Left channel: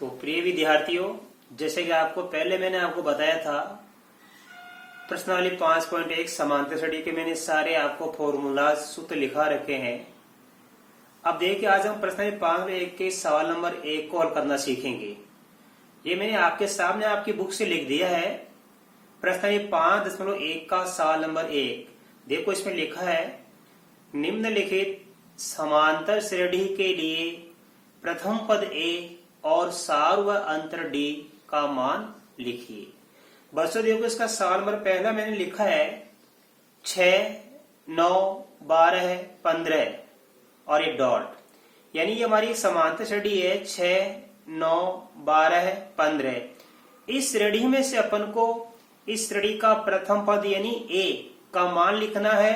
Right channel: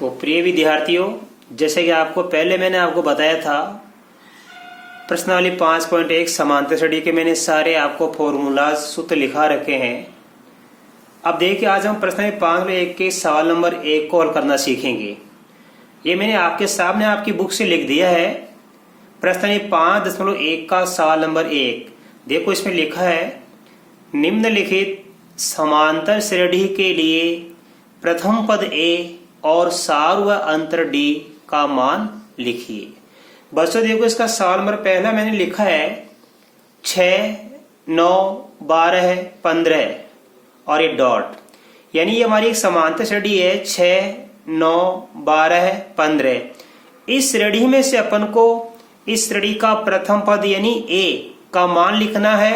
तो प्रिय विद्यार्थियों, जैसे कि आपको पहले मैंने आपको बताया था, प्रश्नावली 5.1 समांतर श्रेणी के मैंने सारे आपको फॉर्मूला सूत्र लिखा रखे हैं। अब देखिए, आज हम प्रश्नावली 5.1 के सवाल नंबर 1 को हल करना सीखेंगे। ये मैंने आपके सामने आपकी बुक से लिख दिया है। प्रश्नावली 5.1 का सवाल नंबर 1 देखो, इसमें लिखा है निम्नलिखित समांतर श्रेणी के लिए प्रथम पद ए और सार व अंतर डी का मान लिखिए। बच्चों देखो, इसका सवाल नंबर पहला मैंने लिखा है 6, 9, 12, 15 और ये डॉट, यानी ये हमारी एक समांतर श्रेणी है 6, 9, 12, 15। इस श्रेणी में से अपन को इस श्रेणी का प्रथम पद यानी ए का मान लिखना है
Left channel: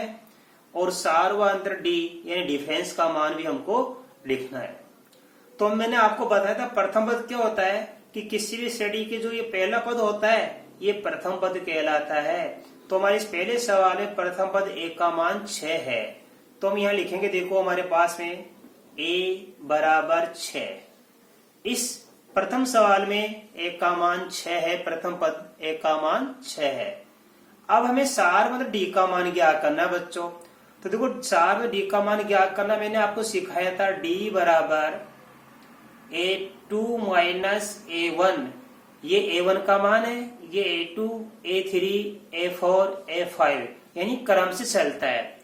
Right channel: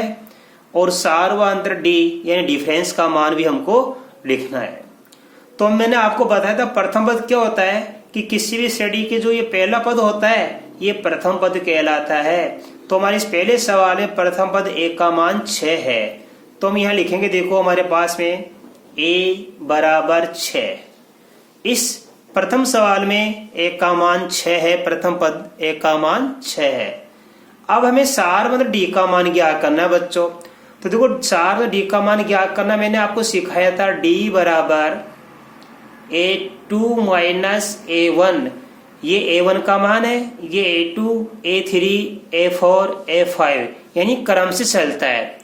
और सार व अंतर डी यानी डिफरेंस का मान भी हमको लिखना है। तो मैंने आपको बताया था प्रथम पद क्या होता है कि किसी भी श्रेणी के जो ये पहला पद होता है ये प्रथम पद कहलाता है। तो हमारे इस पहले सवाल में प्रथम पद ए का मान 6 है, तो हम यहाँ लिखेंगे, देखो हमारे पास में ए बराबर 6। इस प्रथम सवाल में ए का मान 6 है, प्रथम पद ए का मान 6 है। अब हमें सार मतलब डी का मान ज्ञात करना है बच्चों। तो देखो, सार मतलब डी का मान ज्ञात करना मैंने आपको सिखाया था, डी बराबर A2 माइनस A1। ये A1 का मान है, ये A2, A3, A4, A5 यानी क्रम से चलता है।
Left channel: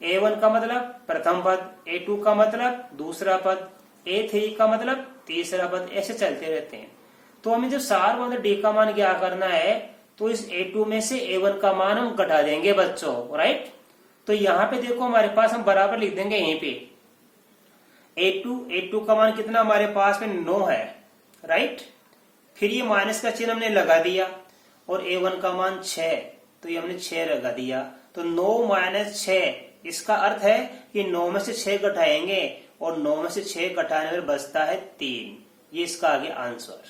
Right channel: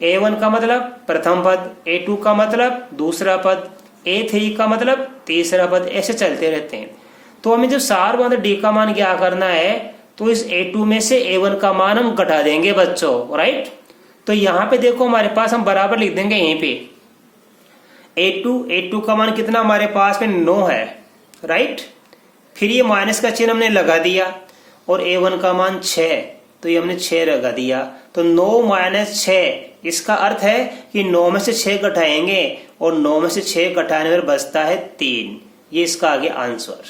A1 का मतलब प्रथम पद, A2 का मतलब दूसरा पद, A3 का मतलब तीसरा पद, ऐसे चलते रहते हैं। तो हमें जब सार मतलब डी का मान क्या करना है, तो इस A2 में से A1 का मान हम घटा देंगे बच्चों, राइट। तो यहाँ पे देखो हमारे पास हम बराबर लिख देंगे यहीं पे A2 का मान कितना हमारे पास में 9 है, राइट। फिर ये माइनस का चिन्ह हमने लगा दिया और A1 का मान 6, तो ये हमने 6 लगा दिया। तो 9 माइनस 6, इसका अर्थ है कि 9 में से 6 घटाएंगे और 9 में से 6 घटाने पर बचता है 3। ये इसका आगे आंसर,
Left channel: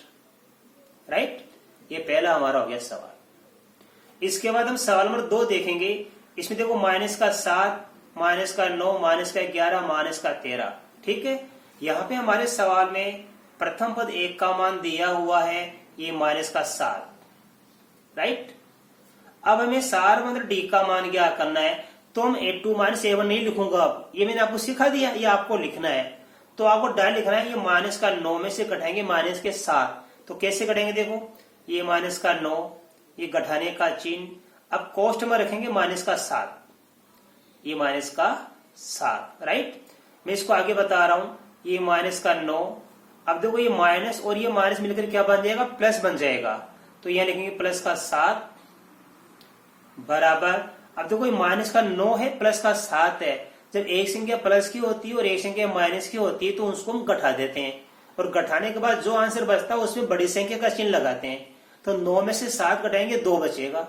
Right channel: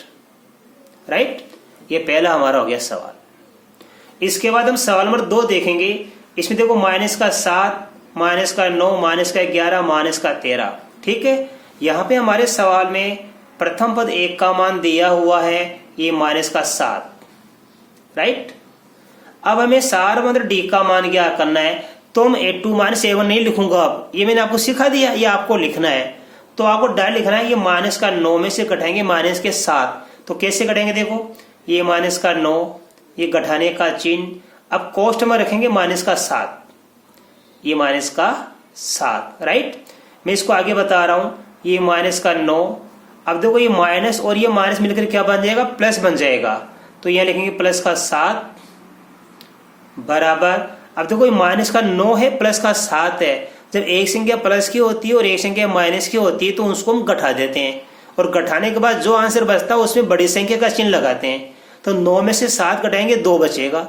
राइट। ये पहला हमारा हो गया सवाल। इसके बाद हम सवाल नंबर 2 देखेंगे। इसमें देखो माइनस का 7, माइनस का 9, माइनस का 11, माइनस का 13, ठीक है। यहाँ पे हमारे सवाल में प्रथम पद एक का मान दिया हुआ है, ये माइनस का 7, राइट। अब हमें सार मतलब डी का ज्ञात क्या करना है, तो हम A2 माइनस A1 नहीं लिखूंगा। अब ये मैंने आपको सिखा दिया, ये आपको लिखना है। तो आपको डायरेक्ट लिखना है, ये माइनस का 9 में से घटाएंगे माइनस के 7। तो कैसे घटाएंगे, देखो ये माइनस का 9, ये घटाने का चिन्ह, अब कोष्ठ में रखेंगे माइनस का 7, ये माइनस का 7, राइट। मैं इसको आगे बता रहा हूं, ये माइनस का 9। अब देखो ये माइनस और ये माइनस मिलकर क्या बन जाएगा, प्लस बन जाएगा। तो यहां लिखेंगे प्लस का 7 बराबर, अब देखो ये माइनस का 9 है, प्लस का 7 है। जब एक संख्या प्लस की होती है और एक संख्या माइनस की होती है तो उसको हम घटा देते हैं, और घटाने के बाद जो आंसर बचता है उसमें बड़ी संख्या का चिन्ह लगाते हैं। तो 9 में से 7 घटाएंगे, 2 बचेगा।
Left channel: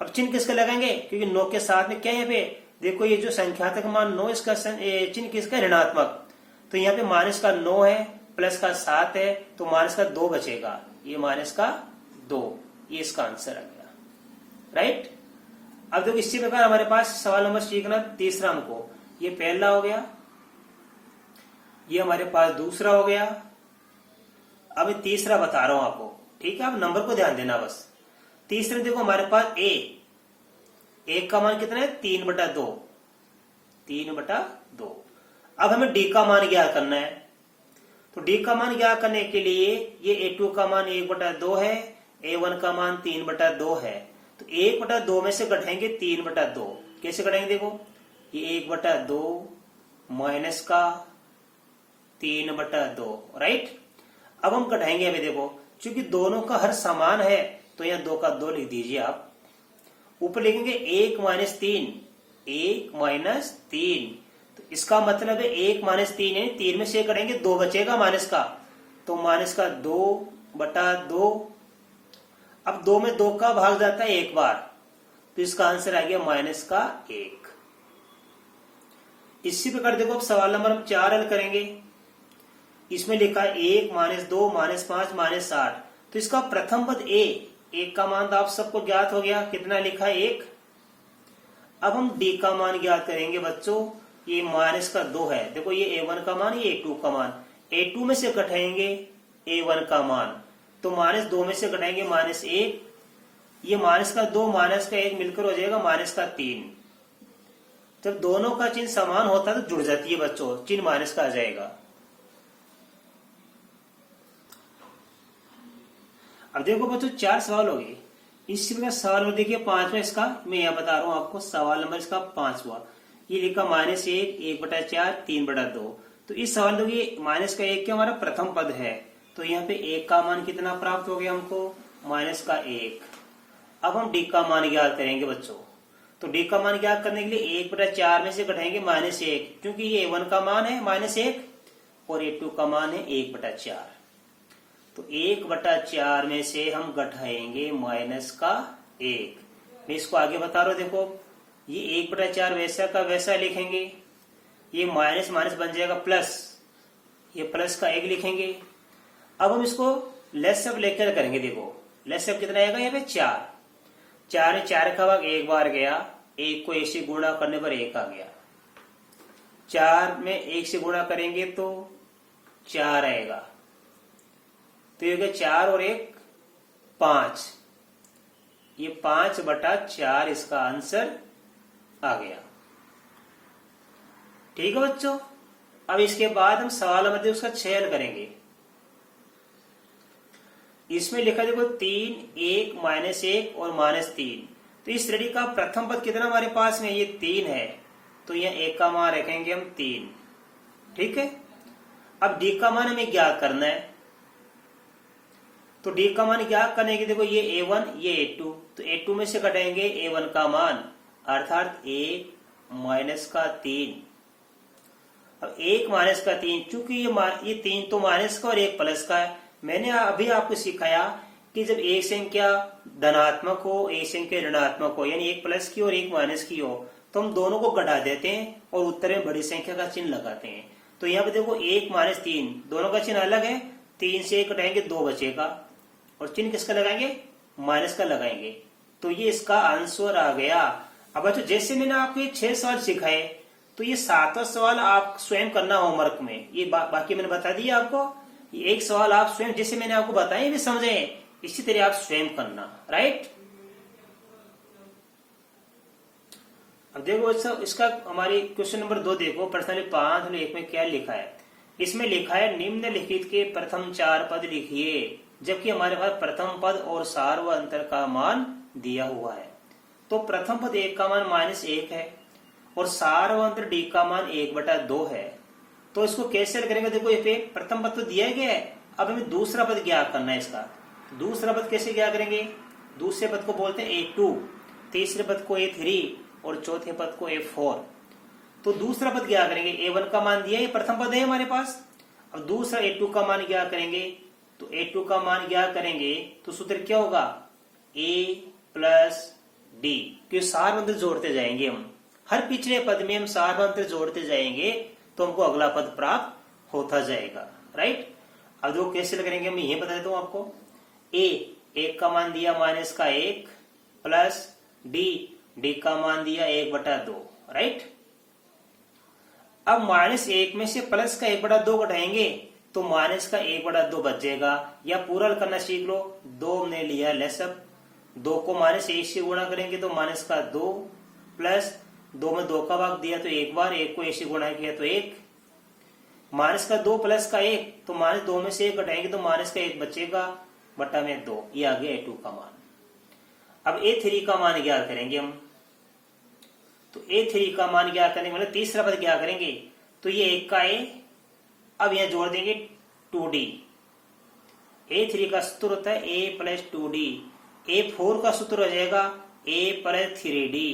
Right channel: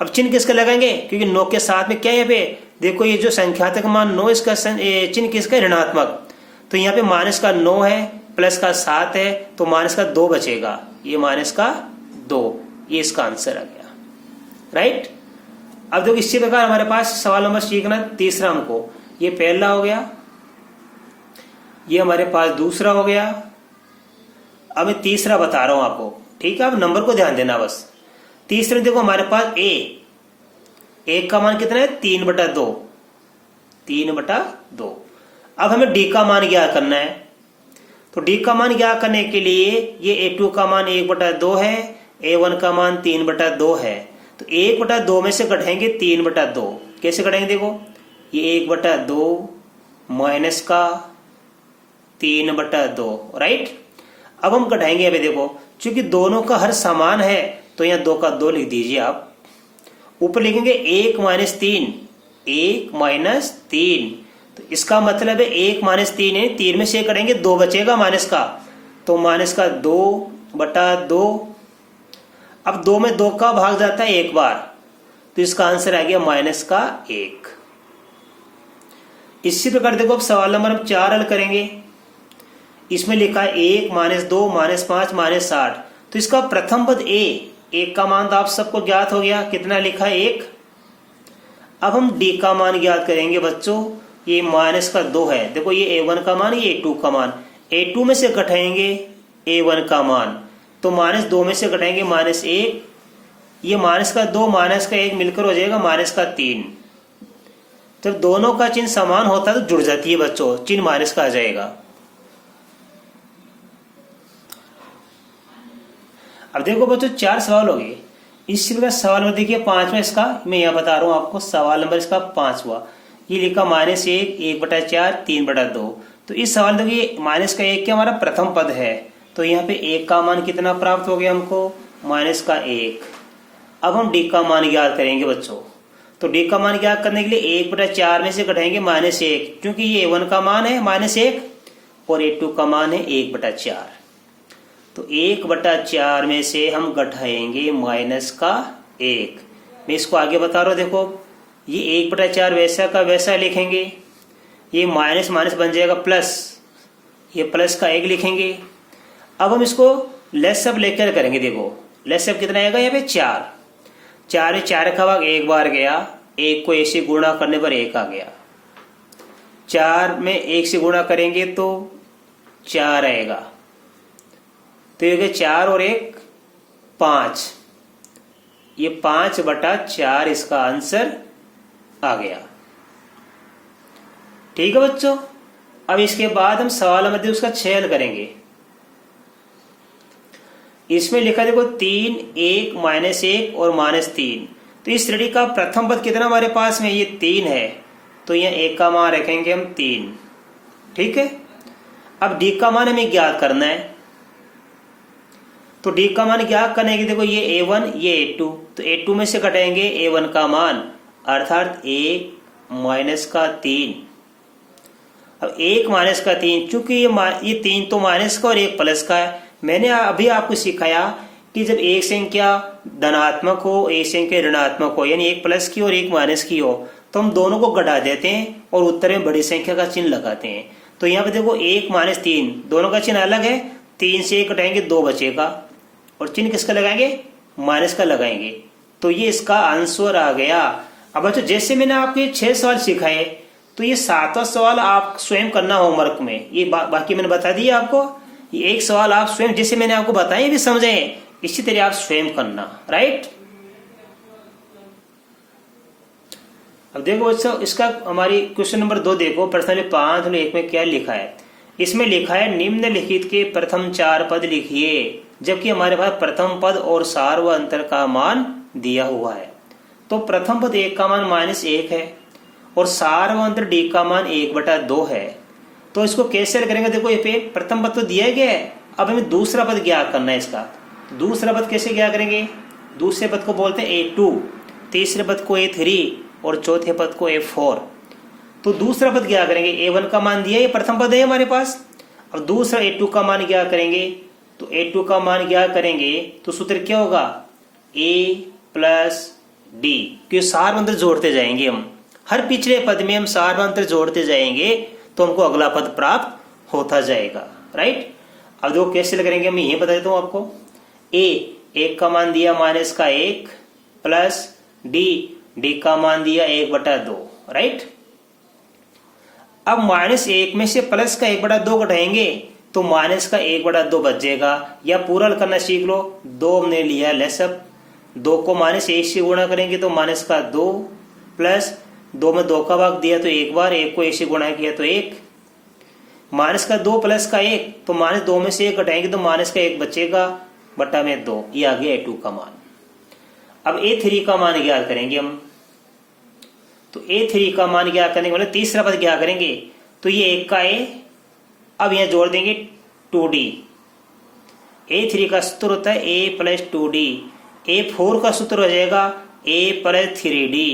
अब चिन्ह किसका लगाएंगे, क्योंकि 9 के साथ में क्या है, पे देखो ये जो संख्यात्मक मान 9, इसका चिन्ह किसका, ऋणात्मक। तो यहाँ पे माइनस का 9 है, प्लस का 7 है, तो माइनस का 2 बचेगा, ये माइनस का 2, ये इसका आंसर आ गया, राइट। अब देखो इसी प्रकार हमारे पास सवाल नंबर सीखना तीसरा हमको, ये पहला हो गया, ये हमारे पास दूसरा हो गया। अब मैं तीसरा बता रहा हूं आपको, ठीक है। अब नंबर को ध्यान देना बस। तीसरे देखो हमारे पास ए का मान कितना है, 3/2, 3/2। अब हमें डी का मान ज्ञात करना है। तो डी का मान ज्ञात करने के लिए ये A2 का मान 1/2 है, A1 का मान 3/2 है। तो 1/2 में से घटाएंगे 3/2। कैसे घटाएंगे, देखो ये 1/2 माइनस का 3/2, राइट। अब हम घटाएंगे, अभी देखो चूंकि दोनों का हर समान है तो यहाँ 2 का 2 लिख दीजिए आप। ऊपर लिखेंगे 1 माइनस 3, 1 माइनस 3। तो इसका मतलब है 1 माइनस 3 है, 3 में से करेंगे 2 बचेगा माइनस का, तो माइनस का 2/2। अब 2 में 2 का भाग जाता है एक बार, तो इसका आंसर आ गया माइनस का 1। इसी प्रकार देखो अब सवाल नंबर हम 4 हल करेंगे। इसमें लिखा है 1 माइनस 2 माइनस 5 माइनस 8। तो इसका प्रथम पद एक का मान तो आप सबको ज्ञात हो गया, कितना लिखा है 1। अब हम डी का मान ज्ञात करेंगे बच्चों, ये माइनस का 2 है। देखो ये A1 का मान, ये A2 का मान, A2 में से घटाएंगे A1 का मान, तो -2 में से घटाएंगे -1, ये -2 -1 मिलकर हो जाएगा -3। जब दोनों का चिन्ह समान होता है तो जुड़ जाती है बच्चों, चिन्ह माइनस का आ जाएगा। अब देखो बच्चों 4 सवाल हो गए। इस सवाल में देखिए 5वां इसका, मैं यहाँ बता रहा हूँ आपको, सवाल नंबर इसका 5वां, ये लिखा -1 1/4 3/2। तो इस सवाल में देखिए -1 क्या हमारा प्रथम पद है, तो यहाँ पे 1 का मान कितना प्राप्त हो गया हमको, -1। अब हम d का मान ज्ञात करेंगे बच्चों। तो d का मान ज्ञात करने के लिए 1/4 में से घटाएंगे -1, क्योंकि ये A1 का मान है -1 और A2 का मान है 1/4। तो 1/4 में से हम घटाएंगे -1। मैं इसको आगे बता रहा हूँ, देखो ये 1/4 वैसा का वैसा लिखेंगे, ये माइनस माइनस बन जाएगा प्लस, ये प्लस का 1 लिखेंगे। अब हम इसको लेस सब लेकर करेंगे, देखो लेस सब कितना आएगा, यहाँ पे 4 4 का भाग 1 बार गया, 1 को 1 से गुणा करने पर 1 आ गया। 4 में 1 से गुणा करेंगे तो 4 आएगा, तो ये 4 और 1 5, ये 5/4 इसका आंसर आ गया। ठीक है बच्चों। अब इसके बाद हम सवाल में उसका छेद करेंगे। इसमें लिखा देखो 3 1 -1 और -3। तो इस श्रेणी का प्रथम पद कितना हमारे पास में, ये 3 है, तो यहाँ 1 का मान रखेंगे हम 3। ठीक है। अब d का मान हमें ज्ञात करना है, तो d का मान ज्ञात करने के देखो ये A1 ये A2, तो A2 में से घटाएंगे A1 का मान, अर्थात 1 -3। अब 1 -3, चूंकि ये 3 तो माइनस का और 1 प्लस का है। मैंने अभी आपको सिखाया कि जब एक संख्या धनात्मक हो, एक संख्या ऋणात्मक हो, यानी 1 प्लस की और 1 माइनस की हो, तो हम दोनों को घटा देते हैं और उत्तर में बड़ी संख्या का चिन्ह लगाते हैं। तो यहाँ पे देखो 1 -3 दोनों का चिन्ह अलग है, 3 से 1 घटाएंगे 2 बचेगा, और चिन्ह किसका लगाएंगे, माइनस का लगाएंगे। तो ये इसका आंसर आ गया। अब बच्चों जैसे मैंने आपको ये 6 सवाल सिखाए, तो ये 7वां सवाल आप स्वयं करना होमवर्क में, ये बाकी मैंने बता दिया आपको। ये एक सवाल आप स्वयं, जैसे मैंने आपको बताया भी समझे, इसी तरह आप स्वयं करना, राइट। अब देखो बच्चों इसका हमारी क्वेश्चन नंबर 2 देखो, प्रश्न 5 और 1 में क्या लिखा है। इसमें लिखा है निम्नलिखित के प्रथम 4 पद लिखिए, जबकि हमारे पास प्रथम पद और सार व अंतर का मान दिया हुआ है। तो प्रथम पद 1 का मान -1 है और सार व अंतर d का मान 1/2 है। तो इसको कैसे करेंगे, देखो ये पे प्रथम पद तो दिया गया है, अब हमें दूसरा पद ज्ञात करना है इसका। दूसरा पद कैसे ज्ञात करेंगे, दूसरे पद को बोलते हैं A2, तीसरे पद को A3 और चौथे पद को A4। तो दूसरा पद क्या करेंगे, A1 का मान दिया, ये प्रथम पद है हमारे पास। अब दूसरा A2 का मान क्या करेंगे, तो A2 का मान क्या करेंगे, तो सूत्र क्या होगा, A + D, क्योंकि सार मंत्र जोड़ते जाएंगे हम, हर पिछले पद में हम सार मंत्र जोड़ते जाएंगे तो हमको अगला पद प्राप्त होता जाएगा, राइट। अब देखो कैसे करेंगे, मैं यही बता देता हूं आपको। A 1 का मान दिया -1 प्लस D का मान दिया 1/2, राइट। अब -1 में से प्लस का 1/2 घटाएंगे तो माइनस का 1/2 बच जाएगा, या पूरा करना सीख लो। 2 हमने लिया लेसअप, 2 को -1 से गुणा करेंगे तो -2 प्लस 2 में 2 का भाग दिया तो 1 बार, 1 को 1 से गुणा किया तो 1, -2 प्लस का 1, तो -2 में से 1 घटाएंगे तो -1 बचेगा बटा में 2, ये आ गया A2 का मान। अब A3 का मान ज्ञात करेंगे हम। तो A3 का मान ज्ञात करने के बाद तीसरा पद क्या करेंगे, तो ये 1 का A, अब यहां जोड़ देंगे 2D। A3 का सूत्र होता है A + 2D। A4 का सूत्र हो जाएगा A + 3D,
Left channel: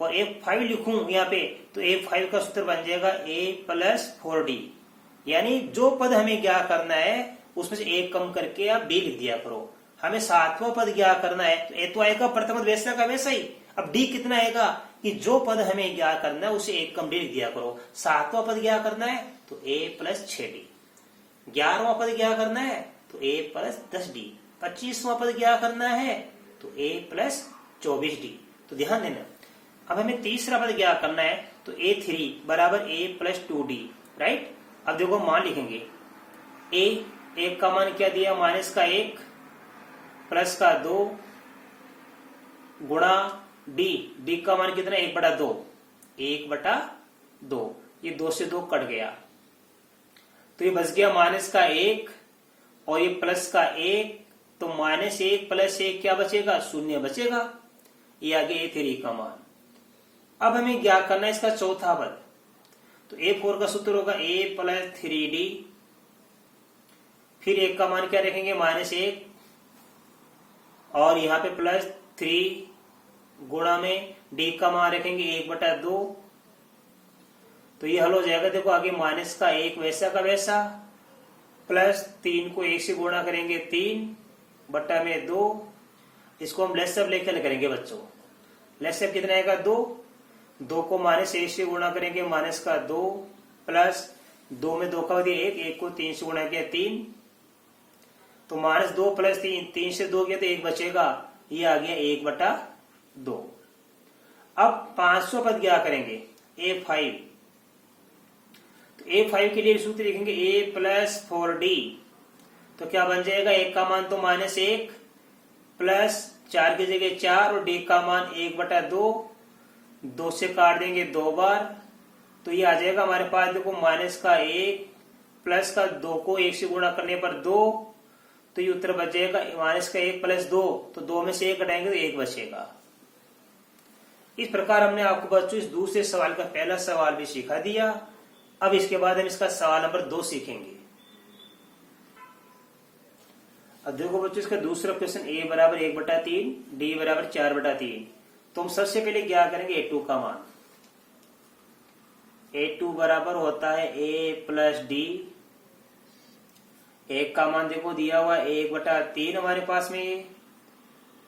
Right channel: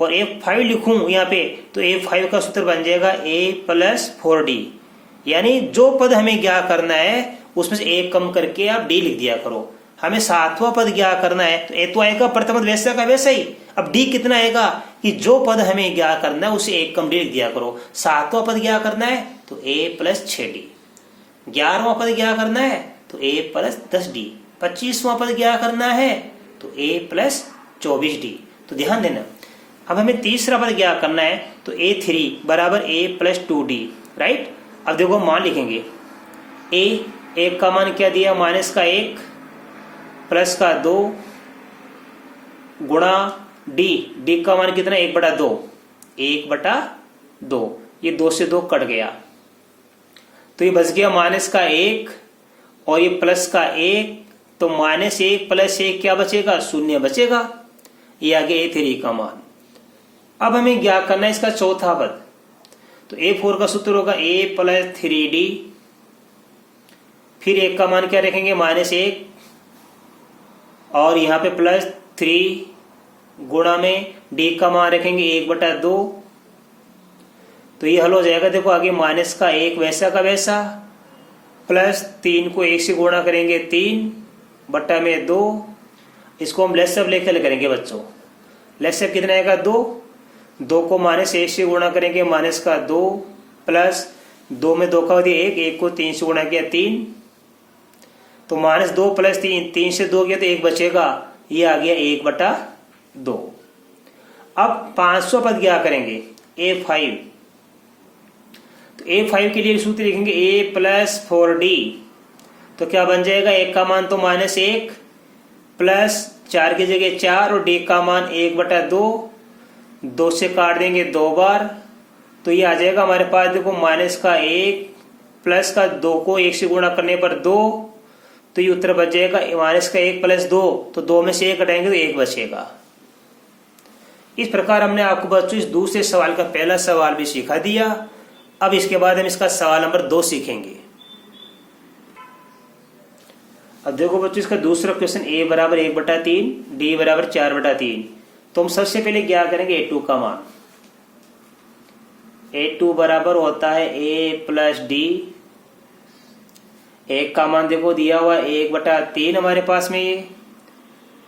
और A5 लिखूं यहाँ पे तो A5 का सूत्र बन जाएगा A + 4D। यानी जो पद हमें ज्ञात करना है उसमें से 1 कम करके आप D लिख दिया करो। हमें 7वां पद ज्ञात करना है, तो A तो आएगा प्रथम पद वैसा का वैसा ही। अब D कितना आएगा, कि जो पद हमें ज्ञात करना है उसे 1 कम D लिख दिया करो। 7वां पद ज्ञात करना है तो A + 6D। 11वां पद ज्ञात करना है तो A + 10D। 25वां पद ज्ञात करना है तो A + 24D। तो ध्यान देना, अब हमें तीसरा पद ज्ञात करना है तो A3 = A + 2D, राइट। अब देखो मान लिखेंगे A एक का मान क्या दिया, माइनस का 1 प्लस का 2 गुणा डी, डी का मान कितना 1/2, 1/2, ये 2 से 2 कट गया, तो ये बच गया माइनस का 1 और ये प्लस का 1, तो -1 + 1 क्या बचेगा, 0 बचेगा। ये आ गया A3 का मान। अब हमें ज्ञात करना है इसका चौथा पद, तो A4 का सूत्र होगा A + 3D, फिर 1 का मान क्या रखेंगे -1 और यहाँ पे +3 गुणा में D का मान रखेंगे 1/2, तो ये हल हो जाएगा। देखो आगे माइनस का 1 वैसा का वैसा, +3 को 1 से गुणा करेंगे 3/2, इसको हम लेट्सअप लेके हल करेंगे बच्चों। लेट्सअप कितना आएगा 2 को -1 से गुणा करेंगे माइनस का 2 प्लस 2 में 2 का दिया 1 को 3 से गुणा किया 3, तो -2 + 3 से 2 गया तो 1 बचेगा, ये आ गया 1/2। अब 500 पद क्या करेंगे A5, तो A5 के लिए सूत्र लिखेंगे A + 4D, तो क्या बन जाएगा, 1 का मान तो -1 प्लस 4 की जगह 4 और D का मान 1/2, 2 से काट देंगे 2 बार, तो ये आ जाएगा हमारे पास। देखो माइनस का 1 प्लस का 2 को 1 से गुणा करने पर 2, तो ये उत्तर बच जाएगा माइनस का 1 + 2, तो 2 में से 1 हटाएंगे तो 1 बचेगा। इस प्रकार हमने आपको बच्चों इस दूसरे सवाल का पहला सवाल भी सिखा दिया। अब इसके बाद हम इसका सवाल नंबर 2 सीखेंगे। अब देखो बच्चों इसका दूसरा क्वेश्चन A = 1/3, D = 4/3, तो हम सबसे पहले क्या करेंगे A2 का मान। A2 बराबर होता है A + D, 1 का मान देखो दिया हुआ 1/3 हमारे पास में, ये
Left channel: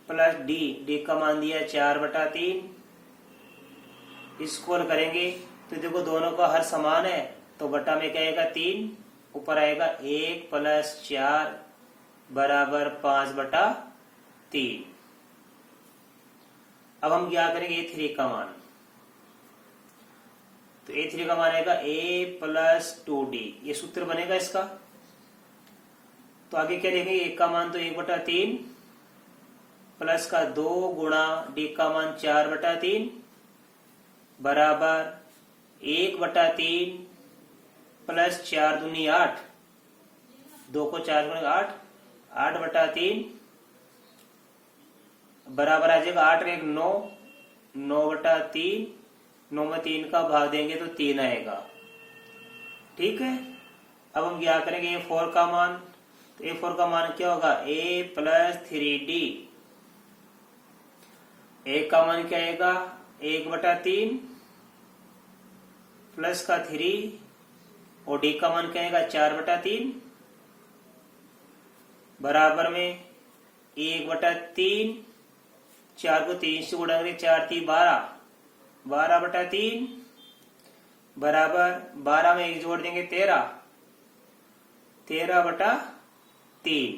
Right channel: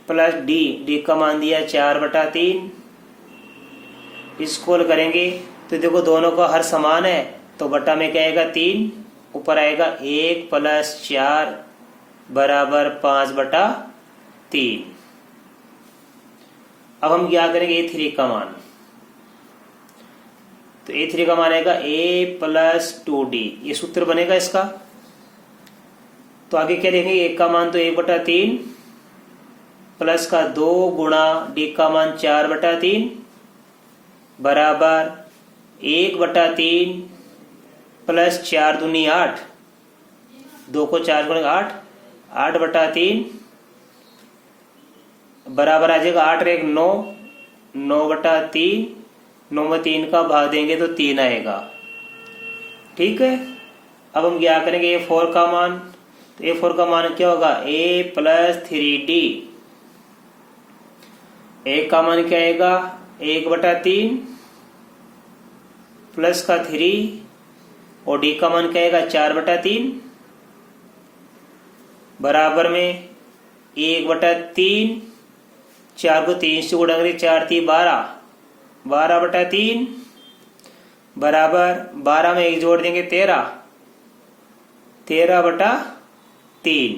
प्लस D का मान दिया 4/3, इसको करेंगे तो देखो दोनों का हर समान है, तो बटा में क्या आएगा 3, ऊपर आएगा 1 + 4 = 5/3। अब हम क्या करेंगे A3 का मान, तो A3 का मान आएगा A + 2D, ये सूत्र बनेगा इसका। तो आगे क्या लिखेंगे, 1 का मान तो 1/3 प्लस का 2 गुणा D का मान 4/3 बराबर 1/3 प्लस 4 दूनी 8, 2 को 4 गुणे 8, 8/3 बराबर आ जाएगा 8 और 1 9, 9/3, 9 में 3 का भाग देंगे तो 3 आएगा। ठीक है, अब हम क्या करेंगे A4 का मान, तो A4 का मान क्या होगा A + 3D, 1 का मान क्या आएगा 1/3 प्लस का 3 और D का मान क्या आएगा 4/3 बराबर में 1/3, 4 को 3 से गुणा करें 4 × 3 = 12, 12/3 बराबर 12 में 1 जोड़ देंगे 13, 13/3।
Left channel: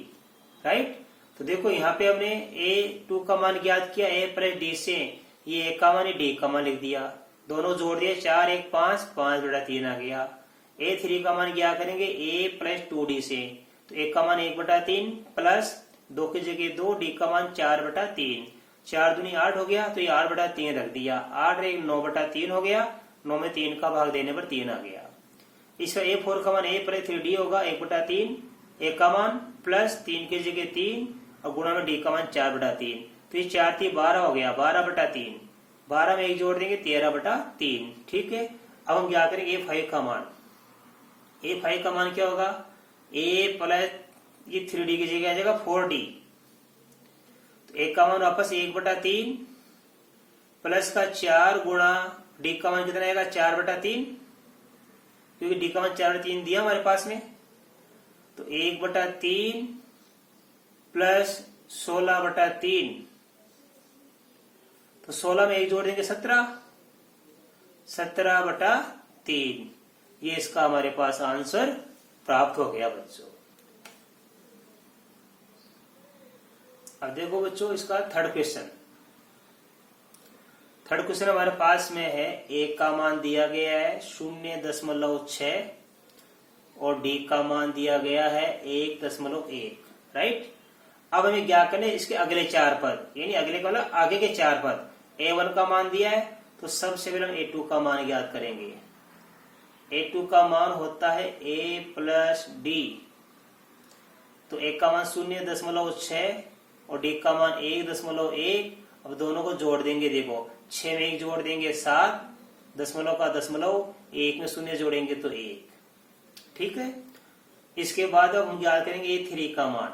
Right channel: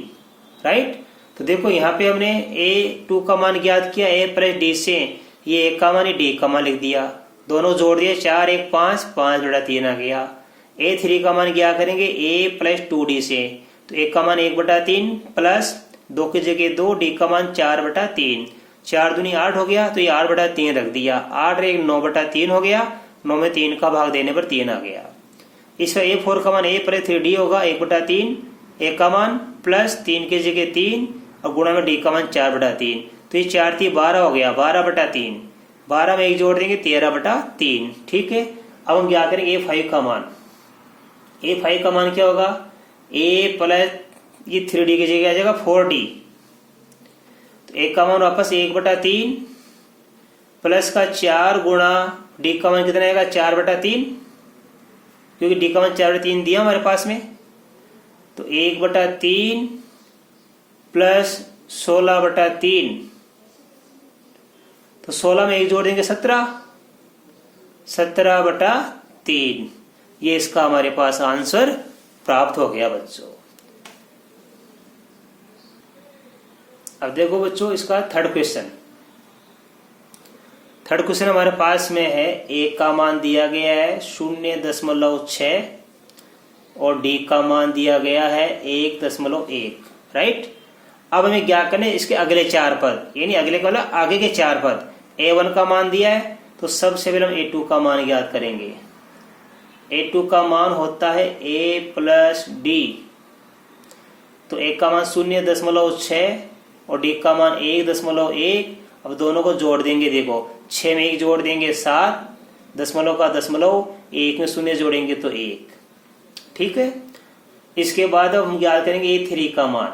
राइट, तो देखो यहाँ पे हमने A2 का मान ज्ञात किया A + D से, ये A का मान D का मान लिख दिया, दोनों जोड़ दिए 4 1 5, 5/3 आ गया। A3 का मान क्या करेंगे A + 2D से, तो 1 का मान 1/3 प्लस 2 की जगह 2, D का मान 4/3, 4 दूनी 8 हो गया, तो ये 8/3 रख दिया, 8 और 1 9/3 हो गया, 9 में 3 का भाग देने पर 3 आ गया। इसका A4 का मान A + 3D होगा 1/3, 1 का मान प्लस 3 की जगह 3 और गुणा में D का मान 4/3, तो ये 4 × 3 = 12 हो गया, 12/3, 12 में 1 जोड़ देंगे 13/3। ठीक है, अब हम क्या करेंगे A5 का मान, A5 का मान क्या होगा A + ये 3D की जगह आ जाएगा 4D, तो 1 का मान वापस 1/3 प्लस का 4 गुणा D का मान कितना आएगा 4/3, क्योंकि D का मान 4/3 दिया हमारे पास में, तो 1/3 प्लस 16/3, तो 16 में 1 जोड़ देंगे 17, 17/3, ये इसका हमारे पास आंसर प्राप्त हो गया बच्चों। अब देखो बच्चों इसका थर्ड क्वेश्चन हमारे पास में है, 1 का मान दिया गया है 0.6 और डी का मान दिया गया है 1.1, राइट। अब हमें क्या करना है, इसके अगले 4 पद, यानी अगले का मतलब आगे के 4 पद। A1 का मान दिया है तो सबसे पहले हम A2 का मान ज्ञात करेंगे। A2 का मान होता है A प्लस डी, तो A का मान 0.6 और D का मान 1.1। अब दोनों को जोड़ देंगे, देखो 6 में 1 जोड़ देंगे 7, दशमलव का दशमलव, 1 में 0 जोड़ेंगे तो 1, ठीक है। इसके बाद अब हम ज्ञात करेंगे A3 का मान।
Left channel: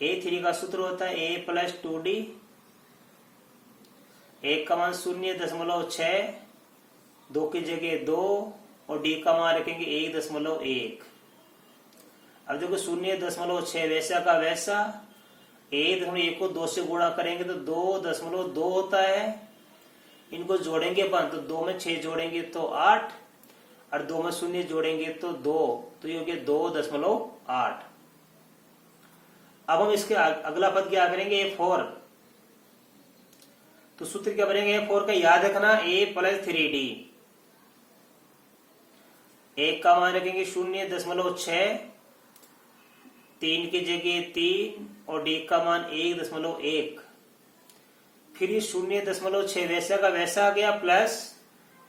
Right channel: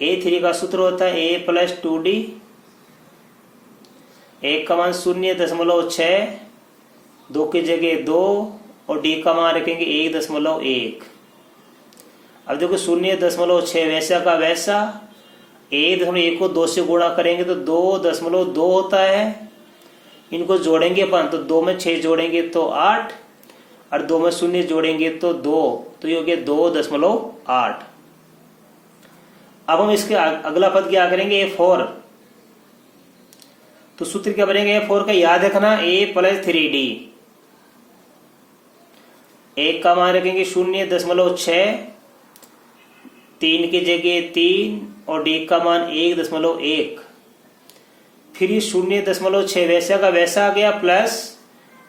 A3 का सूत्र होता है A प्लस 2D, 1 का मान 0.6, 2 की जगह 2 और D का मान रखेंगे 1.1। अब देखो 0.6 वैसा का वैसा, 1.1 को 2 से गुणा करेंगे तो 2.2 होता है। इनको जोड़ेंगे अपन तो 2 में 6 जोड़ेंगे तो 8 और 2 में 0 जोड़ेंगे तो 2, तो ये हो गया 2.8। अब हम इसके अगला पद क्या करेंगे, A4। तो सूत्र क्या बनेगा A4 का, याद रखना A प्लस 3D। 1 का मान रखेंगे 0.6, 3 की जगह 3 और D का मान 1.1। फिर ये 0.6 वैसा का वैसा आ गया, प्लस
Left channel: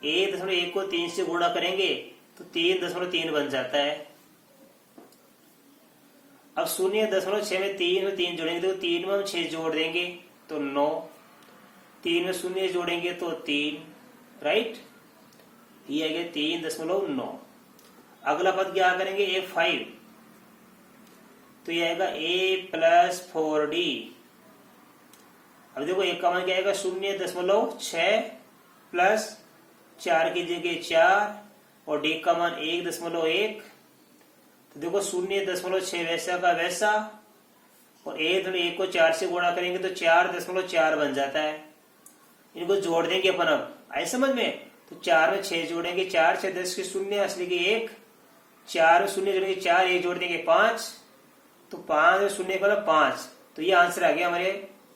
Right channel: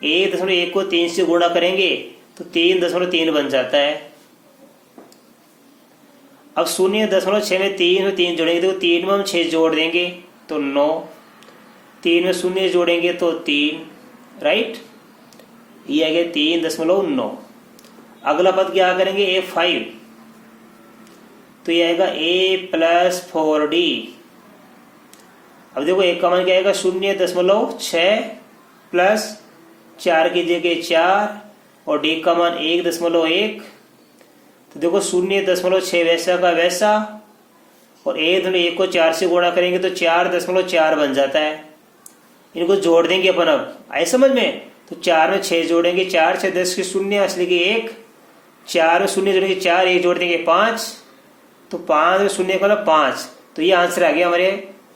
1.1 को 3 से गुणा करेंगे तो 3.3 बन जाता है। अब 0.6 में 3 जोड़ेंगे तो 3 में हम 6 जोड़ देंगे तो 9, 3 में 0 जोड़ेंगे तो 3, राइट। ये आ गया 3.9। अगला पद क्या करेंगे A5, तो ये आएगा A प्लस 4D। अब देखो 1 का मान क्या आएगा 0.6 प्लस 4 की जगह 4 और D का मान 1.1। तो देखो 0.6 वैसा का वैसा और 1 को 4 से गुणा करेंगे तो 4.4 बन जाता है। इनको जोड़ देंगे अपन, अब आए समझ में। तो 4 में 6 जोड़ेंगे, 4 6 10 के 0 असली के 1, 4 में 0 जोड़ेंगे 4, 1 जोड़ देंगे 5, तो 5 में 0 का 5। तो ये आंसर आ गया हमारे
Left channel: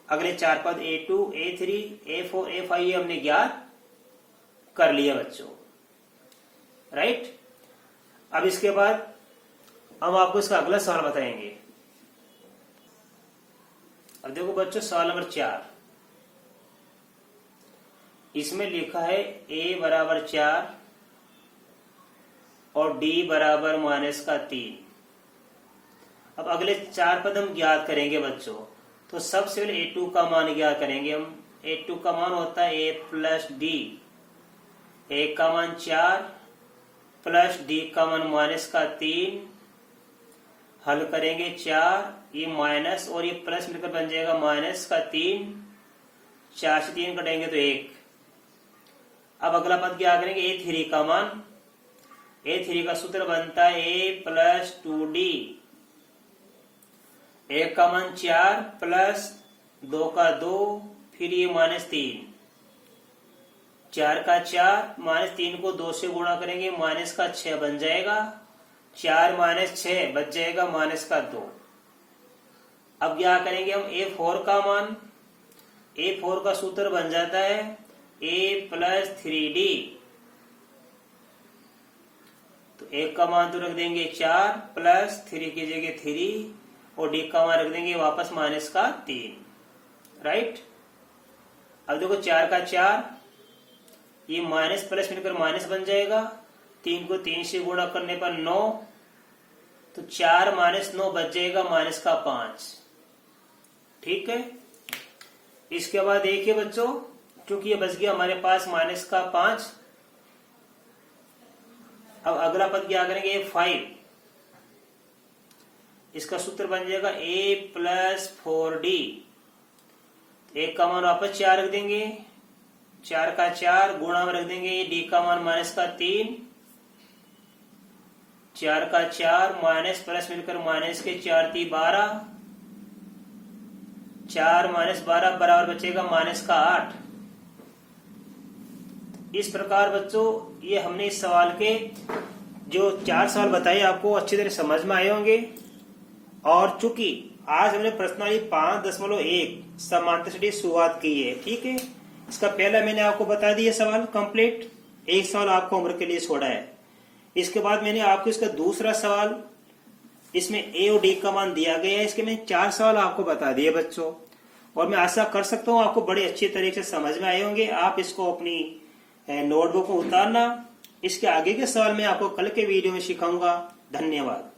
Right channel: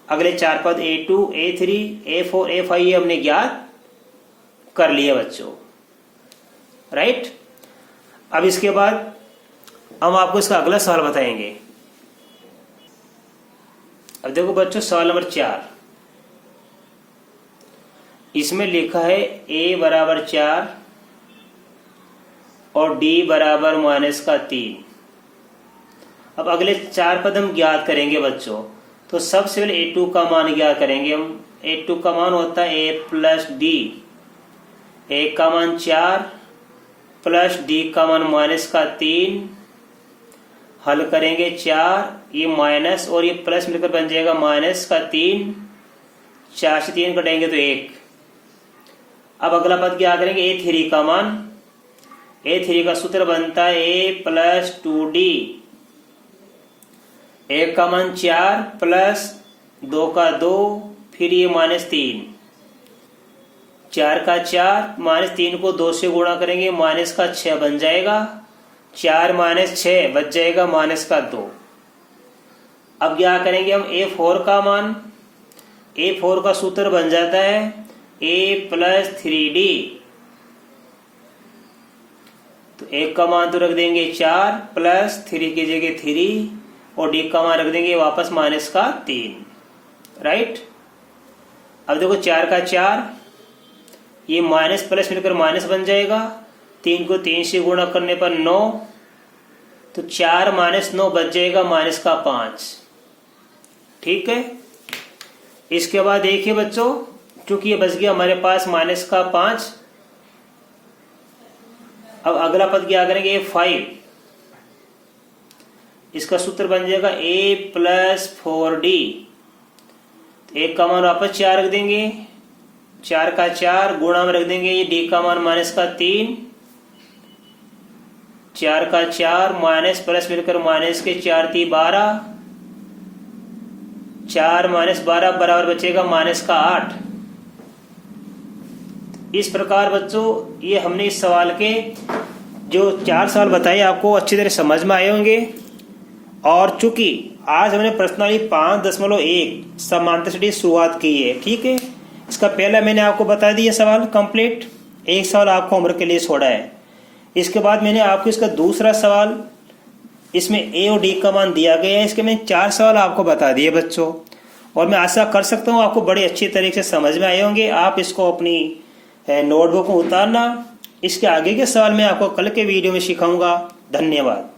अगले 4 पद A2, A3, A4, A5 ये हमने ज्ञात कर लिया बच्चों, राइट। अब इसके बाद हम आपको इसका अगला सवाल बताएंगे। अब देखो बच्चों सवाल नंबर 4, इसमें लिखा है A बराबर 4 और D बराबर -3। अब अगले 4 पद हम ज्ञात करेंगे बच्चों। तो सबसे पहले A2 का मान ज्ञात करेंगे हम। A2 का मान होता है A प्लस डी, 1 का मान 4 प्लस D का मान -3। हल करेंगे 4, ये माइनस और ये प्लस मिलकर बन जाएगा -3। 4 से 3 कटेंगे तो 1। अब अगला पद क्या करेंगे A3 का मान। A3 का सूत्र बनता है A प्लस 2D, 1 का मान 4 प्लस 2 का 2, फिर ये -3, 4 का 4 -3 को 2 से गुणा करेंगे -6 बन जाएगा, 4 -6 बच जाएगा -2। अब क्या करेंगे हम A4 का मान। A4 का सूत्र बन जाता है A प्लस 3D। तो 1 का मान तो रख देंगे 4 प्लस 3 की जगह 3 और D का मान रख देंगे वापस -3, राइट। अब देखो 4 का 4, ये माइनस प्लस मिलकर माइनस बन जाएगा, 3 को 3 से गुणा करने पर 9, तो 4 - 9 बच जाएगा -5, ठीक है। इसके बाद देखिए बच्चों, चूंकि ये बच गया हमारे पास -5। अब अगला पद क्या करेंगे A5, इसका सूत्र बन जाएगा A प्लस 4D। 1 का मान वापस 4 रख देंगे, 4 का 4 गुणा में रख देंगे ये D का मान -3, 4 का 4 माइनस प्लस मिलकर माइनस के 4 × 12, 4 - 12 बराबर बचेगा -8। इस प्रकार बच्चों ये हमने इस सवाल के जो 4 सवाल बताए आपको अच्छी तरह समझ में आए होंगे। और चूंकि आज हमने प्रश्नावली 5.1 समांतर से शुरुआत की है, ठीक है। इसका पहला मैंने आपको बता दिया सवाल कंप्लीट, एक सवाल आपको होमवर्क के लिए छोड़ा है। इसके बाद मैंने आपको इसका दूसरा सवाल, इसमें ए और डी का मान दिया गया है, इसके मैंने 4 सवाल आपको बता दिए बच्चों, और मैं आशा कर सकता हूँ आपको बड़े अच्छी तरीके से समझ में आए होंगे। आप इसको अपनी नोटबुक में उतारना। इसके आगे के सवाल मैं आपको कल के वीडियो में सिखाऊंगा। धन्यवाद।